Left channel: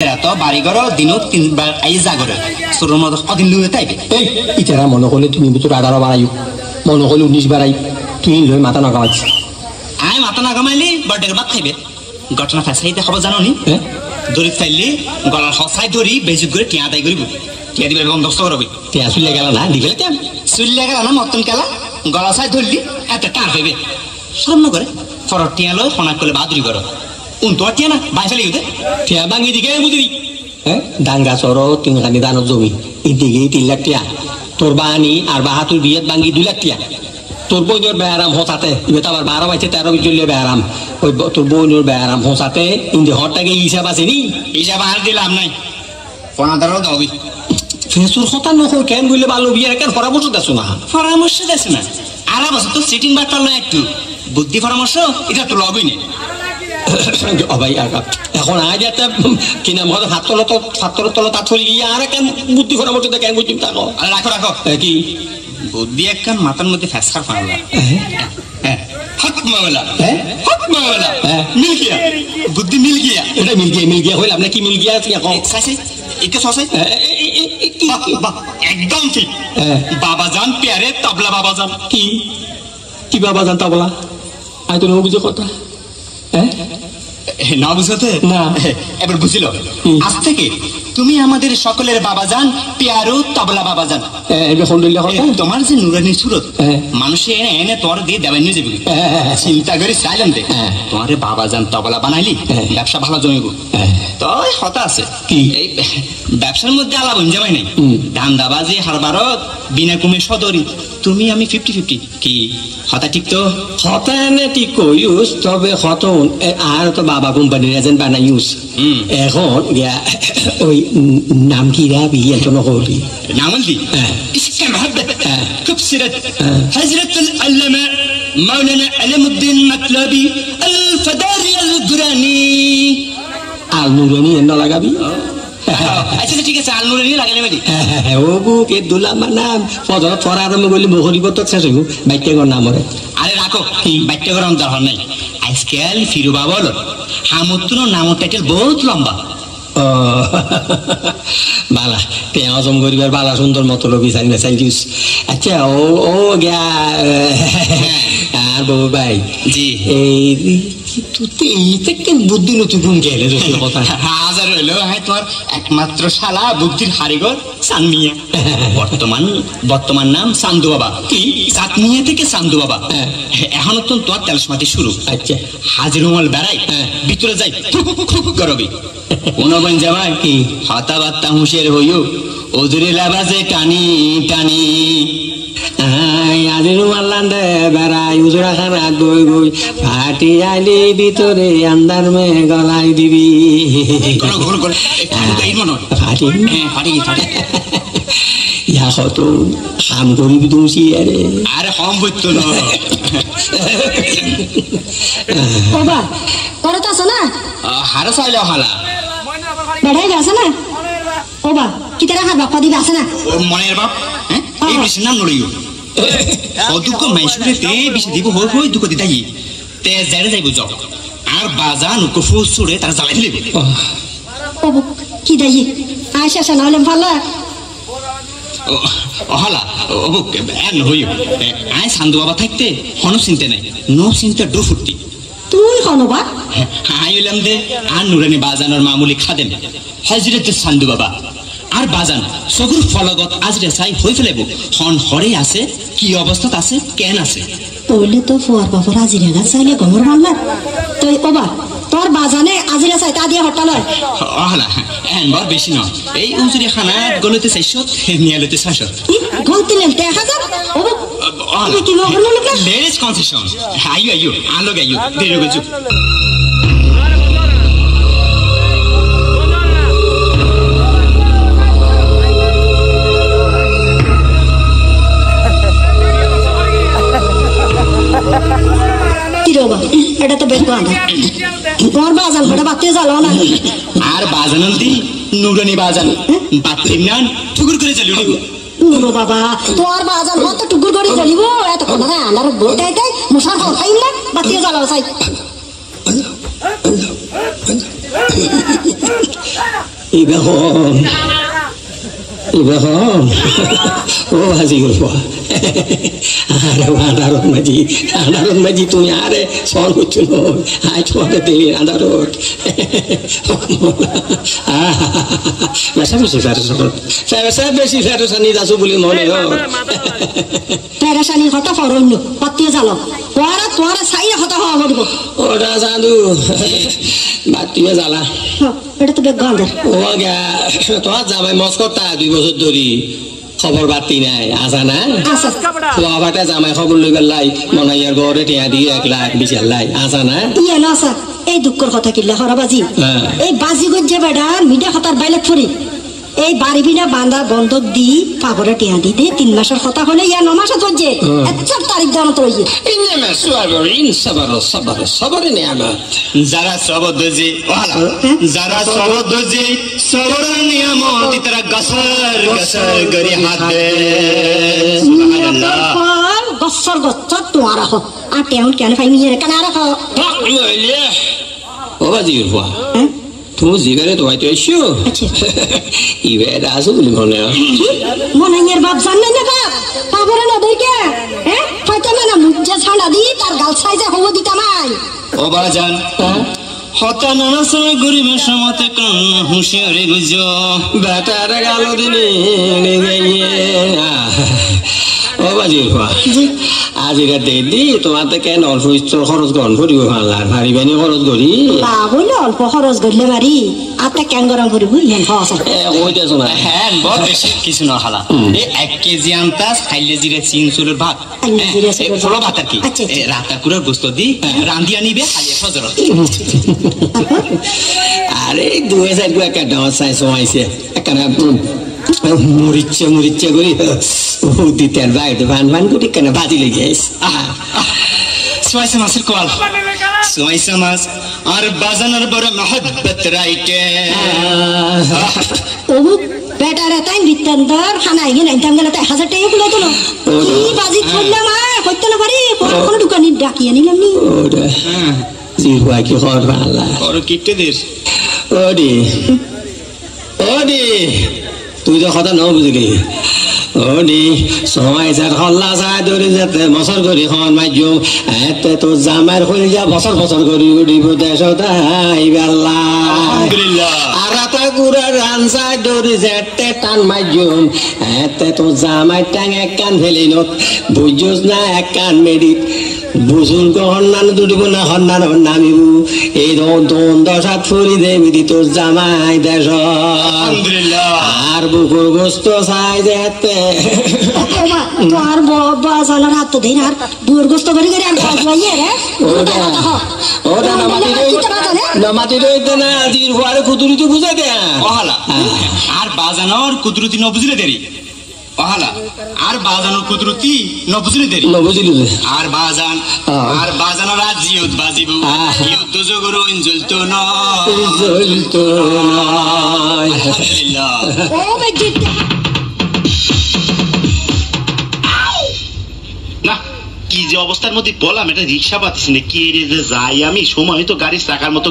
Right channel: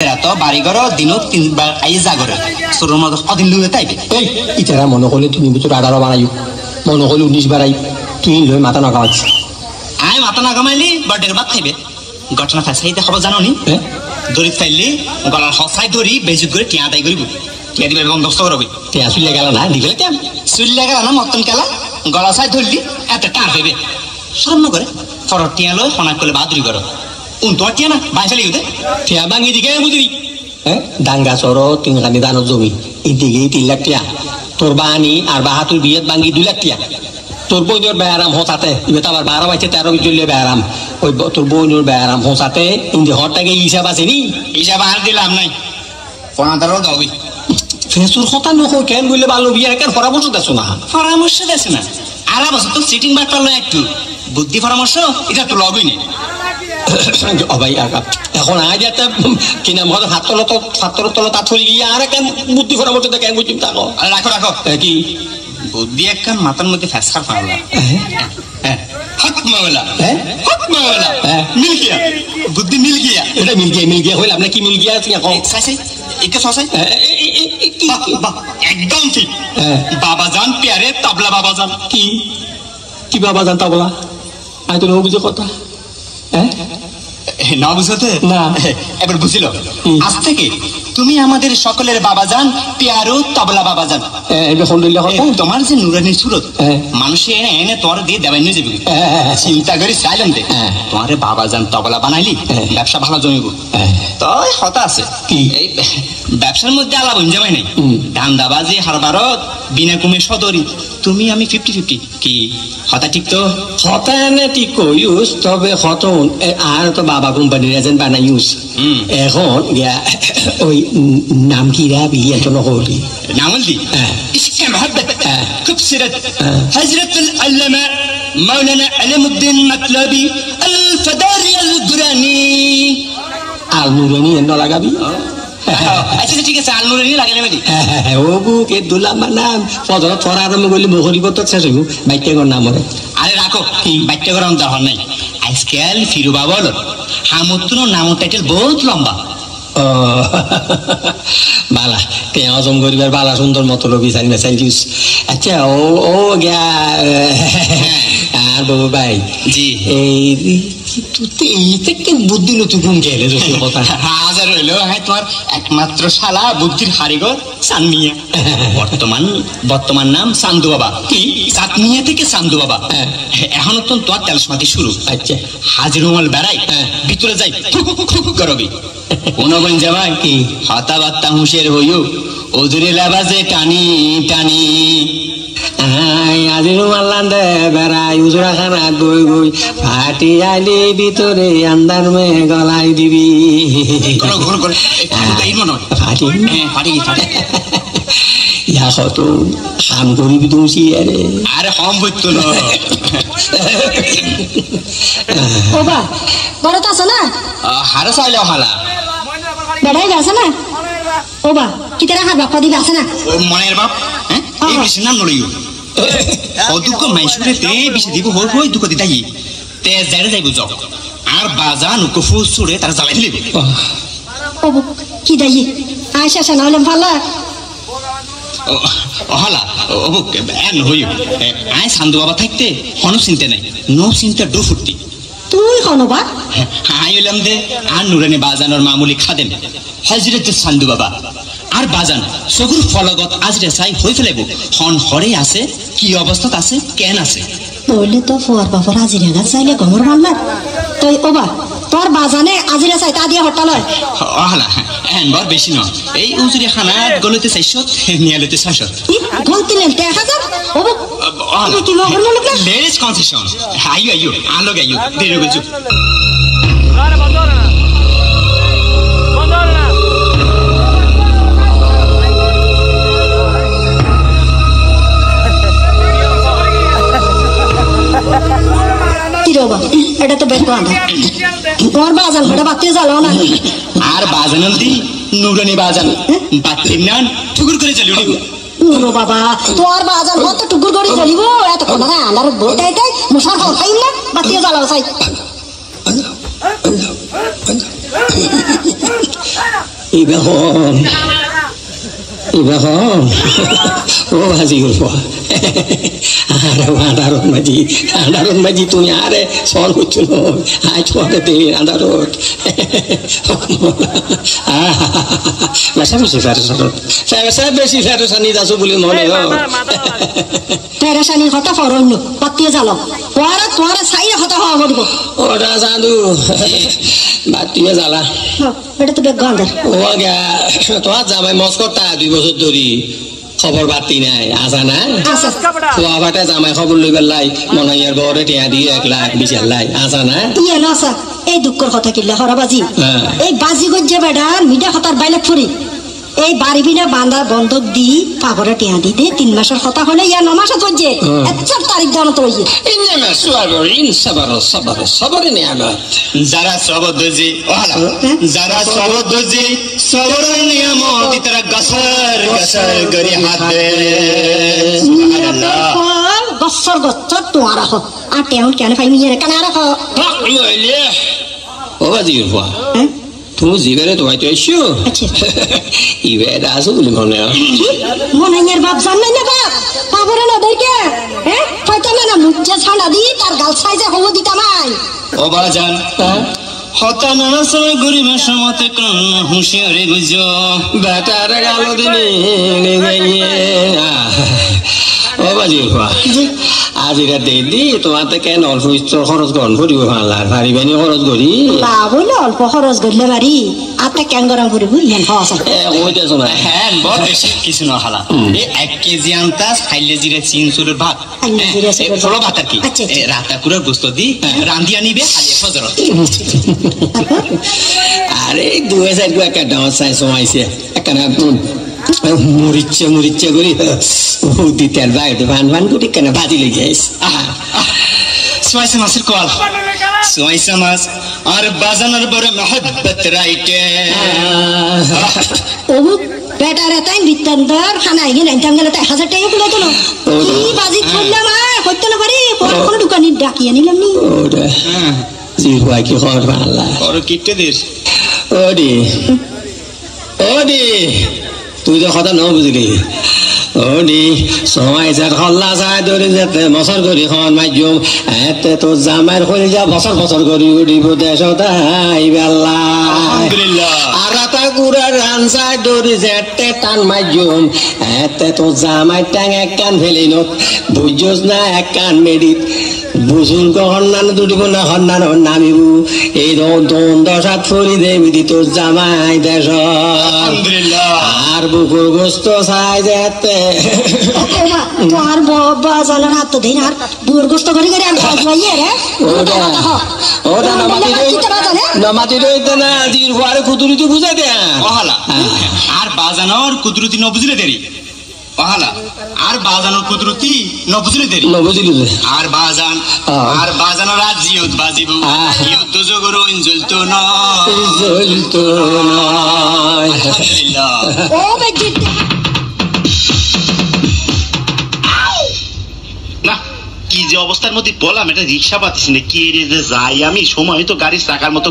তো বাড়ি করো দিন 3 বার আইয়ে যা করে সুরর মতো কদিন লুয়ে তাইবে এই ইতারা মনে করলে তুমি ভিতরে 18 বাড়াইও মনে করলে 19 বাড়াই তুই লই মাথা না কামাচ্ছি আয় মাথা না কামাইলি বার্থডে বাদ খাইবে ঘটনা ফাঁসাইতে খবর জানো নি দড়ি ফাইলি গলা হসাই ধরি বেজুক করে টিয়া আদায় করিব টিয়া দিবে বন্দোবস্ত করবে টিয়া চুলে গেল না দিবে টিয়া চুলে গেল না মতন কেলা গলা সাই ধরলি এত টান হইবে শরম না করে ফরর টিয়া লয় ফোনা করে বাহাদুরি করো তোমার টিয়া না বাইশালি হতে টিয়া ভাঙি দিকে বুঝি ডাঙ্গা চর 3 খানি দানত জমি এদিকে 3 লাখ টিয়া তোর বাহানি আর বাহাতুর বিয়েত ভাঙি 2 লাখ টিয়া তোর বইনোর বেয়ারাম হসাতে ইবে তো আবার 12 বাইছে 13 চললে বেয়ারাম ওই তোর বইনোর বেয়ারাম হসাতে ইন্দে হরটাকে হিসাব আছে নি হিসাব আর দিলাম নাই ফোনাদারও দাবি ফেসুর কথা নকো কেন বললে ভালো বিয়ার কেন পরামর্শ দেছো না পরামর্শ দেছে না আর বছর তো সিটিং বাট পারলো একটু বুদ্ধি পরামর্শ এটা তো লগই নেই ভাই এখন আজ একটা কি নাম হবে ছাত্র তলত আথল গিয়ে আর কেন বুদ্ধি পরামর্শ দেয় কেন বুঝি থাকো আরে রাখো রাখো কি বুদ্ধি একখান মাথার মধ্যে ফ্যাসকার ফাড়লা হক মাওলা হক মাওলা মিল গিয়া বুদ্ধি মিল গিয়া এটা মিল গিয়া হইল আপনি কি মিল গিয়া আছে এখন সাইসাই একে সসাই একদম ঠিক বাবা জান প্যারে তবলা বাবা জান কি বাবা জান তবলা আমি তো নবুঝে কথা না বুঝতে না এবার বুঝিল আজ থেকে তুমি আমাদের সকলের বাবা জান প্যারো তবলা বাবা জান তোমার যে নুরানি সুরত মানুষে এনে এনে তোর দিয়ে দেওয়াই নিয়ে যাবি চিন্তা করি চাইলাম দে তোমার বাবা জান তবলা বানাইলি ব্যবসা ভালো জমিব তো হতা আছে কি এই ব্যবসার মধ্যে আলাপ যাবাই নাই ধান্দাবাজি হারবারত বিনা কুমে সদরি তুমি আমি 50-50 কি হতা ঠিক তো হতা এনে ঠিক কইউস তবে হতন আর তো বাবা কোম্পানির এজেন্ট বানাইউস এখন ওই নাম কি রাবি এত নকলি নামলি ইসকে মহব্বত খুব সিরত হযরত আল-আল্লামা মাওলানা আলমউদ্দিন মাতলবি আল-ফাদারি আল-দুরানি আল-নুরানি এন্ন লাগাবি আচ্ছা ঠিক আছে আল-নুরানি লাগালে নাকি ও বুকে দুলা নাম পদর ছড়া আরম্ভ করলি মহরি কত শেষ হইব বাইকের নাম হরে আরে রাখো বাইকটা করার দরকার নাই আজকাল ফিরু বাবা হলো হামুতুনো নাম টাইটেল বহুত লম্বা বালা তে হজম করিবার বালা সুন্দর মতো রবি সাইন মেসাইল দিস আচ্ছা ও গা আর বাবু ভাই জি এই থেকে বুদ্ধি নতুন গুণ গেলে কথা হাজার হইলো হ্যাঁ তোমার একমাত্র শালা বুদ্ধির হারিগর চাঁদমিয়া বর্তমান নাম চান্দু বাবা কি চাঁদমিয়া থেকে চান্দু বাবা এখনো তো তোমার তেলসমাতি শুরু আচ্ছা হাজির রুমাল বেড়াই ভিতরে যাই করবি কোন বইন যাবা কি হতা বাত্তা হুঁশের হইও ওদুরে লাবাজে টানি টানি আজি রুমাল লান্দে বেড়াই উজরা খানা গই গই ফাটি আইলি ভিতরে আন্দার মে গলাই দিবি ফাটি ফাটি ফাটি ইয়া কত হাম করিবি তুমি আরে হম বইতো না ওবা বড় তো আছে না হারা চাইলে হালা বাবাই আছে না ওবা কি তারা হাত বাপ্পা দিবে আছে না ও মনের বাপ হ্যাঁ এই বেশি নাম নড়িও ও দুঃখ মাইসুরে তে বেশি দিব হই হই দুঃখ দিতাই তে জারে যাইবো যাও আর বাজান কফু সুরে তার জ্বালাই দিবে ওবা কি দাই আয়শা সানা হলাম ভালো হলা ও এন হইও আয় সান্দু বাবা থাকতে কোনো চিন্তা নাই নো চিন্তা ডো ফুটি তুই হনো বা আইলাম দে আর নুরানি বাজানোর মামুলি খাদেন হযরত সান্দু বাবা আর বাজান সগুর ফলগত আজরে চাই হই ফেলাইব হন হরে আছে কি অবস্থাত আছে কেন আছে বললে তো ফর বাবা আজিরা না চাইলে গমর মারলা তুই ওবা তোর বাজানে আজিরা চাই তা দিয়ে হট্টা লয় হলা এন বার বেশি নয় এই উজুরি খানা গলতে চাইছত নিয়ালতে চাইছত গলতে লেলতে 1000 ওবা তুই লগর না লগলা লেস কনসেশন আইও আলো গাইও দেরি গজু এটা তো বের করা তোমার বাজান ঘরে বাতি জ্বালো না আর বাজান দি নুরানি বাজান বাতি নান ঠুকুর করে জ্বালিও নুরো বাবা তোর বাজান কত টুকুর করে জ্বলিব এত কোন না আমার বইটাইটাই মশার হল খাইল না বাতি জ্বালাও চাই ইবেখন ও হাজি গল্প আরে আন্ধারত মাঝি তুমি আরে সল হচ্ছে আজ পথে আন্ধারত বেশি বেশি ফেরসানি আছো বুলি মনে ফেরসানির কথা ফরন পত্তিয়ে জানো তোরা সাইয়ে কথা হওয়া বলবো ওটা জানু বাতিয়ে জ্বালা এটা তো বেগন্ধ ও গা তোমার জামাই মস্কটা 2 বছর ধরি খবর বাতি নাই আসা না বাবাটা জামাই খবর লই গেলাই মনাইয়ার ঘরে টিয়া দিয়ে 1 লাখ 20 লাখ আসা না ইয়ে না আসা এই দুঃখের কথা কিল্লা হরাবাজি এই বাজি গজ্জে বেড়া মিডা হতার বাইলে ফুরি এই বাড়ি বিনা বান্দা বন্ধক দি কাগরে টিয়া দিতে 3 মাসের কথা হলে ইয়া 9 মাস হচ্ছে আচ্ছা তারিখ দাম তো হইছে ইনমা সুয়াবর সবর নিয়ামত যারা সবর দজি যারা সবর দজি সবর নিয়ামত ইতরা গসর গরি হাত দে সুবহানাল্লাহ গসর তোমার হ আর টেউন কেন ফাইমি রে কানা রাখো ও বাজি গল্প তুমি জিগারে তো আইতো এসো ইবে দাসু বলি মনাইয়ের বাপ জানেন না বাপ কাগরে না দেইকে হয়তো না মুজ্জা ছাড়া দি তার গাল সাইজে হবো দিতামাই ও বাজান হতা নানা সময় গরিবের সমতে কোন হুঁশিয়ারি বুঝো বেটার গালো দিনে ও বাজি আজ এটা দেখলি তোমার তো কেন অল্প খরচ গ্রহণ করিব ভারিবানি খরচ করি তা বলে অল্প খরচ করলে পারি আর তা কেন গরম করিব ইহেন খাওয়া ওইটাছো না হ্যাঁ বড় বেশি কিছু না খালা এই 1 কেজি আনতা খাইলে জিরে চিংচুরের ভাত ফলো ভাত কি রাতা পুরো গোস্ত দি রান্ধিয়া নিবে খালি ফজর আরে 2000 টাকা দাও চাই সমাইছে একখানা মরিচ্ছে করি তেল ভাই ভান করে কেন ভাজি লই যাইস সোয়াইসা মাছের কল সোয়াইসা মাছ আর বাজানোর বড় মহব্বত রাইটে ও বেটারে তাই বিতন্দর খানাই গেলে গেলে 1000 টাকা পুরো তো কি বাজি করলে মা করতে না পারি কোন দোকানে ডাকিয়ে নিলাম নি ওরে জি ভাই কি খবর ভালো আর কিটে দিস ওডি তুই তো কথা ন বুঝলি ওডি সময় যার হল্লা যায় ধরে যেতে বছর করি খন মাইজুম এতে তো জামাইর হয়ে যা বছর করি উড়িব দেশ আলহামদুলিল্লাহ আর তা গুড়ার রান যায় ধরে যেতে টান মাইজুম এতে তো জামাই টাং এক কান ফেলিন বুঝছস না এক কান মেডিত বুঝুন হন্নান দুটিব না হন্নান নামিব এই দশাত ফুরি দেবি দি তোর জামাই দেশ আর বুকুর গোস্ত চাই যেতে তোর বাজানোর হাত তো দেন আর বুকুর গোস্ত করে করে আমি খাওয়াইয়ে রে ওটা নামাতি রইতে না জির ঘরে কুদুরিতে বুঝাই দে আর বাজানোর কুদরতি ন বুঝলে দেরি পাহালা আর বাজানোর কুদরতি ন বুঝলে দেরি আর বাজানোর আজ জিয়ত বাজিব জিয়ত তো জগরো জ্বলতো না আলহামদুলিল্লাহ ও বেটি না কি যে অবস্থার মধ্যে বললাম এটা রিক্সা পাচ্ছি না কি যাই আমি সময় তো গাড়ির চাকার মতো